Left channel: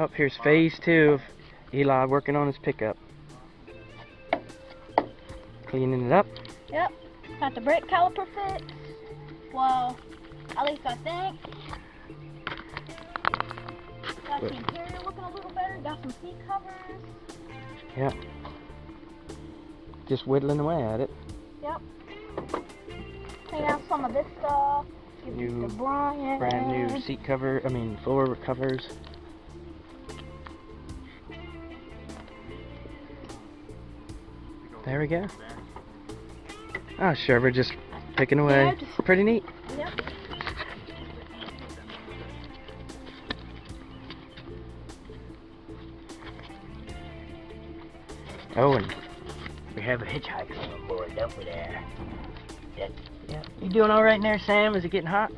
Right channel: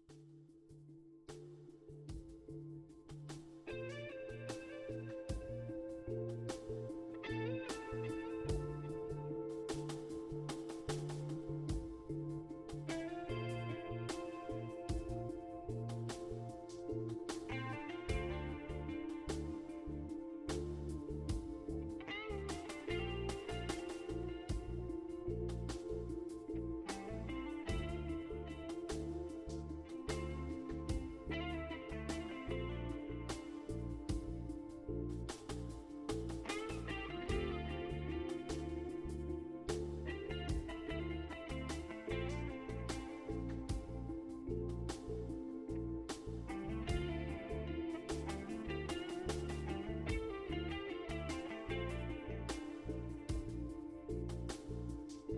Oh, here's phase 2 of Eli working on his pickup. Cleaning it up. Yep. Got the brake caliper fixed. Well, at least I think. Got the interior looking a little better. Got some seat covers. Yep. Just whittling away at it. Yep. Clean out some of this stuff. Give it to Brian. Brand new seat cover, floor covers. There we go. Oh, sure, we're just picking away. Yeah, just, pretty neat. Yep. Oh, and we have a hitchhiker on board over there. Yeah. You doing all right in there, Sam? Is it getting hot?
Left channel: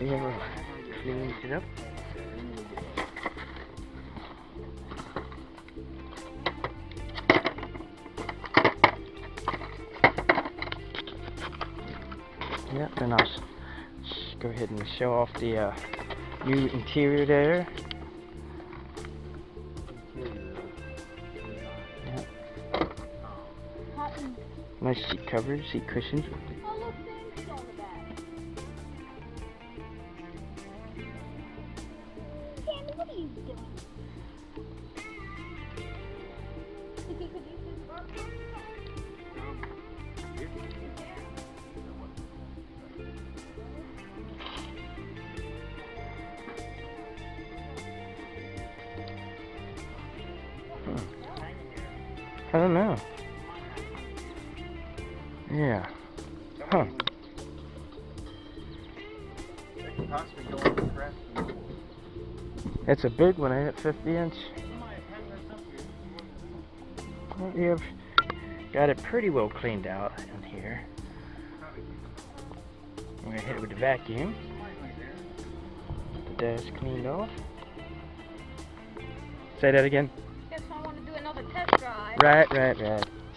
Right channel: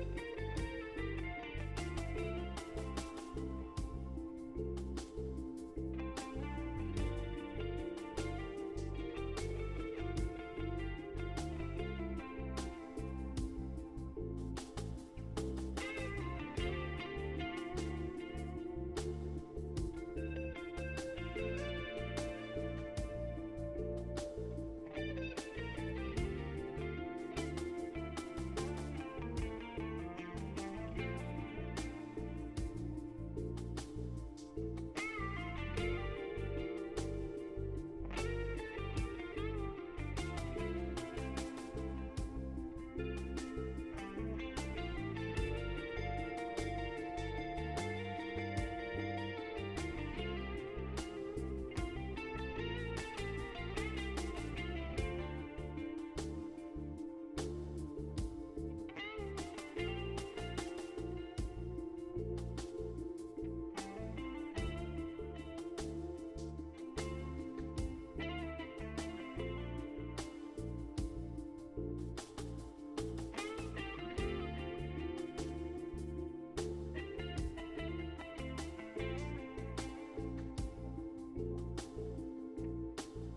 Yeah, we're cleaning it up. Yep, and I'll go ahead and show off the new interior there. Nice seat covers, seat cushions. What are you doing? I don't know. Yeah. Huh. It's a big one, ain't it? 50 inch. Well, you've got it pretty well cleaned out in here. We're gonna hit it with the vacuum. The dash cleaned off. Say that again. Guess I want to do another test drive. Right.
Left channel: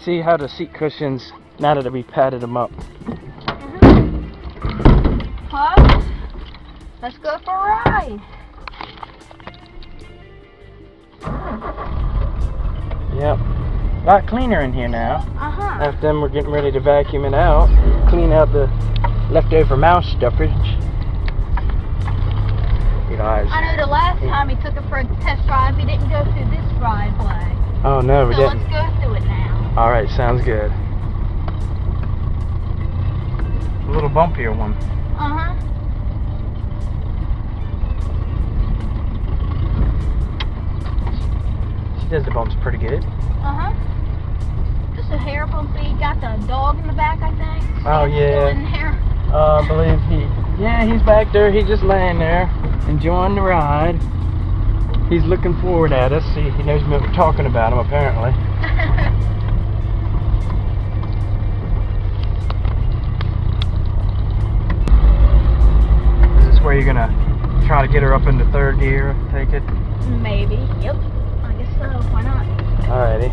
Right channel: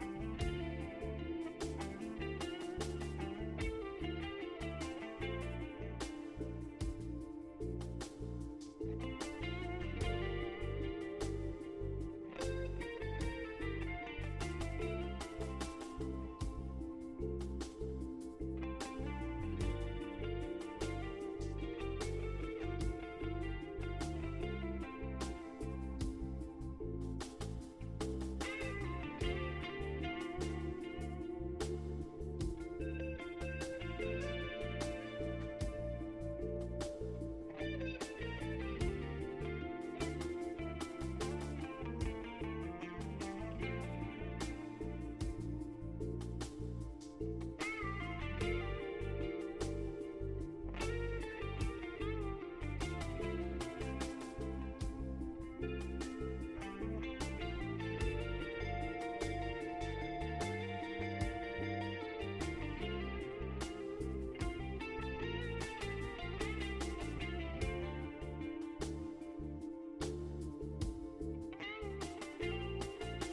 See how the seat cushions, now that we patted them up. Huh? Let's go for a ride. Yep. A lot cleaner in here now. Uh-huh. After them, we're getting ready to vacuum it out. Clean out the leftover mouse stuffage. Eli's. I know the last time he took it for a test drive, he didn't go through this driveway. Oh no, we So didn't. let's go through it now. Alright, sounds good. A little bumpier one. Uh-huh. She does the bumps pretty good. Uh-huh. Just a hair bumpy. Got the dog in the back, I think. Oh, He's yeah. still in there. I believe he's back there. He's just laying there, enjoying the ride. He's looking forward at us. He knows we're talking about him, apparently. Is this where you're gonna try to get her up into third gear? Take it. Maybe. Yep. I guess so. Why not? Alrighty.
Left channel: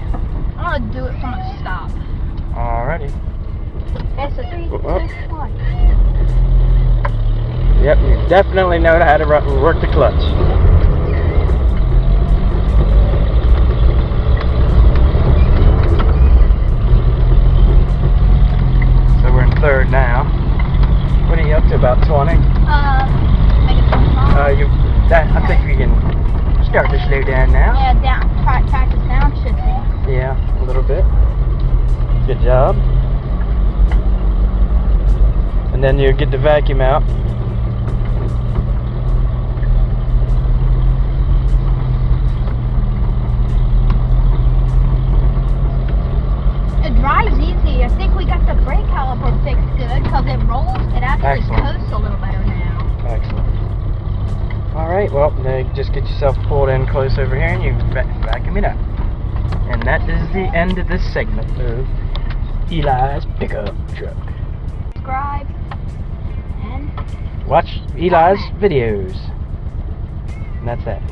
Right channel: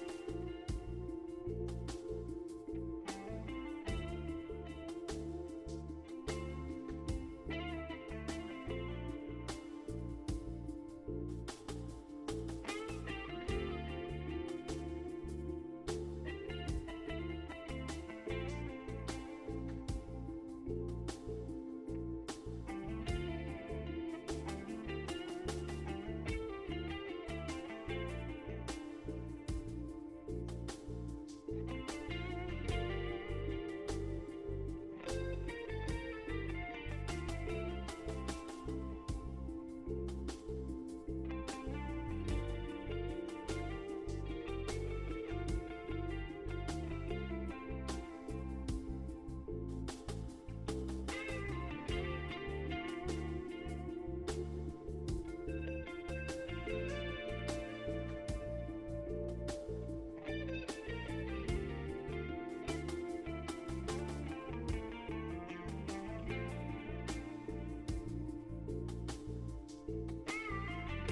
I'm gonna do it from a stop. Alrighty. Okay, so 3, 2, 1. Yep, you definitely know how to work the clutch. So we're in third now. What are you up to? About 20? Make it 25. I think we can start to slow down now. Yeah, down. Practice down should be. Yeah, a little bit. Good job. And then you get the vacuum out. It drives easy. I think we got the brake caliper fixed good because it rolls. It actually Excellent. coasts a little better now. Excellent. Alright, well, now you just get yourself pulled in close over here and you vacuum it up. And that is the end of this segment of Eli's pickup truck. Subscribe and Watch Eli's videos. And that's that.